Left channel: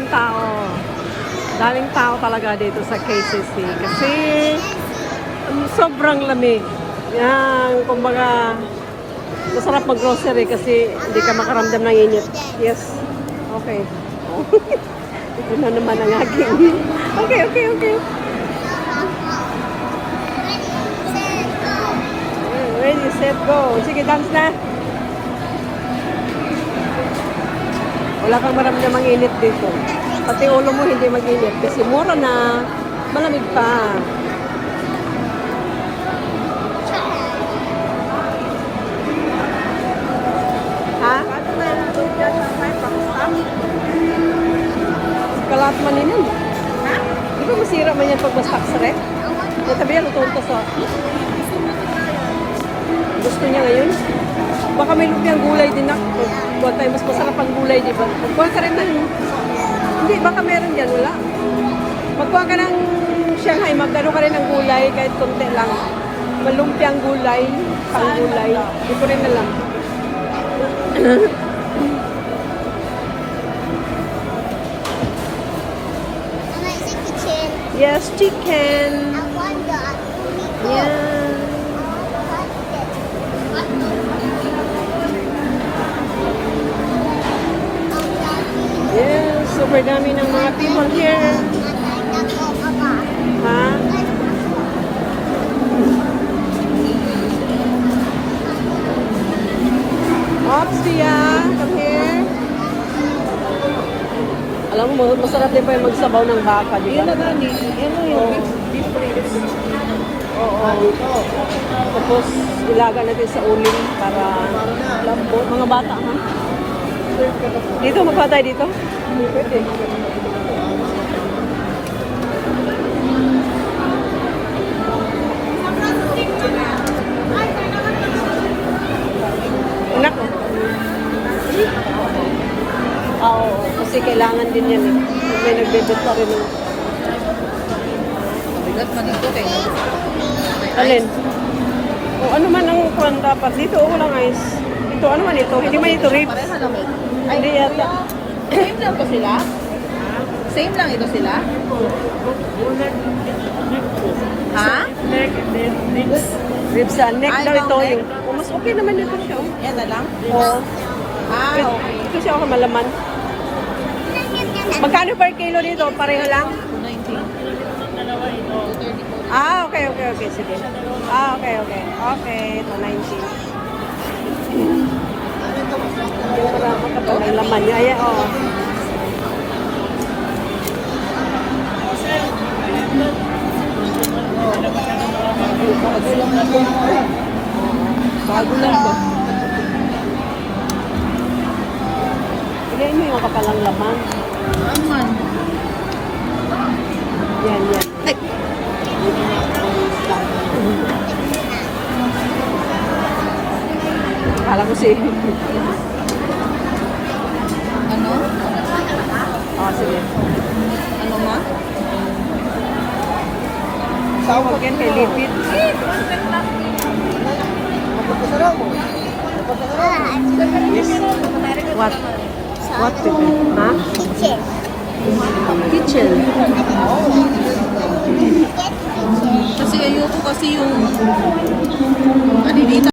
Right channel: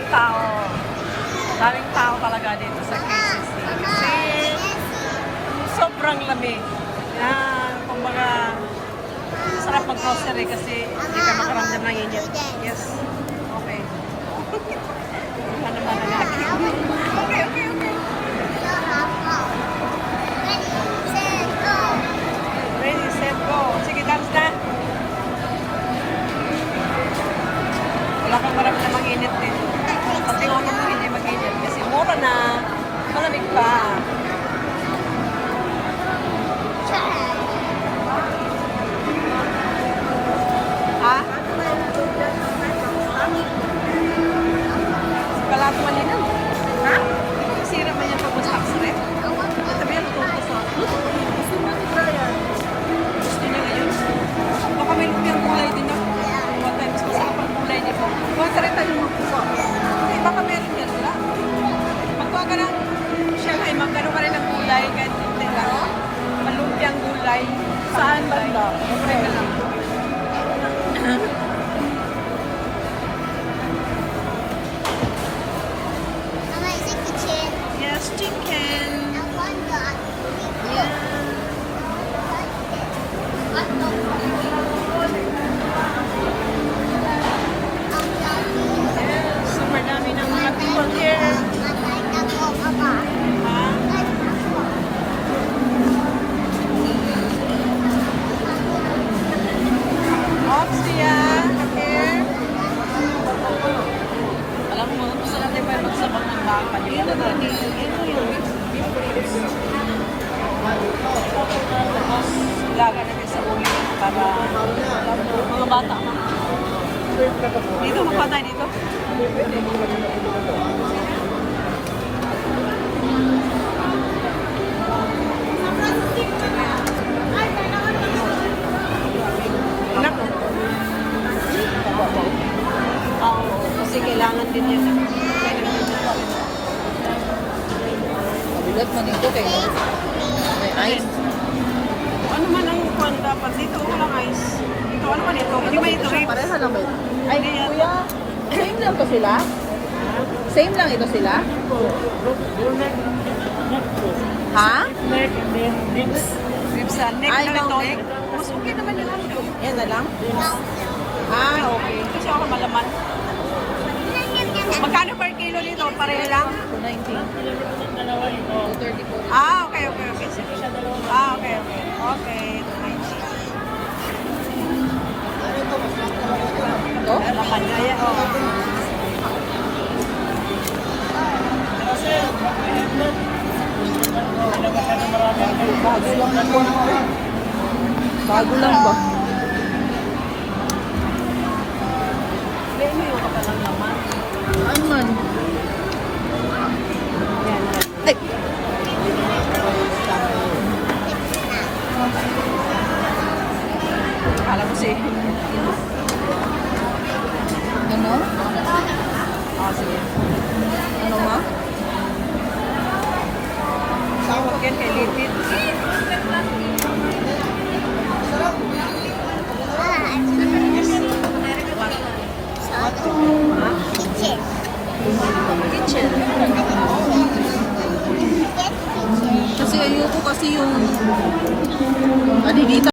daming tao. Daming tao talaga dito sa KCC. Kasi sobrang lamig. Yan, kumbaga, masarap mag-grocery kasi hindi ka makaramdam ng init. Yes. Okay. Ano naman ang aking. Okay. Ready, set, go. Sige, dance na. Wala kang maramdam ang init dito. Pati ulo mo hindi mag-init kasi mura na, malamig pa. Sira man yan pag stop stress. Tabi yan, tutuntos sa gusto niya ngayon. Baka may lumpiang gulay din ako. Huwag tayo mas masarap ang gulay, di ba? Magkuha ka rin man. Hindi, baka meron dyan, wala. Magkuha ka ng Shanghai, magkaroon ka rin ng gulay, kahit konti lang. Malumpiang gulay. Ang gulay. Hindi ko rin alam. Yes, chicken. Yeah. Yes, super dami ng mga people here. Huh? What's here? Alam mo, masarap din pa yung magsabaw ng baka. Yun naman eh. Tapos, ilaga natin sa ulo. Mga bata. Dito, magpa tayo dito. Anak ko. Oo, kasi kailangan din yan. May nagbibit na rin. Bigat man ito eh. Alin? Ano man ang kuwan dapat? Dito, walang ice. Ito, ano man ito? Hindi man ito ribs. Pareha naman. Hindi yata. Same lang ba sila? Same lang ito sila? Ha? Neck and then ribs. Ribs sa neck Ay, daw bang ito. neck? Mas okay naman ito siya. Yan na lang? Oo. Okay. Ito siya ako malaman. Magkano per kilo dito? Pareho lang? 290. Ah, okay. Sige. Ah, okay. Okay, 290. Ito? Alaman niya. Ayan. Bago lang ba? Ayan mo yung kakalang laman. Aman. Yan. Ay! Alam mo si...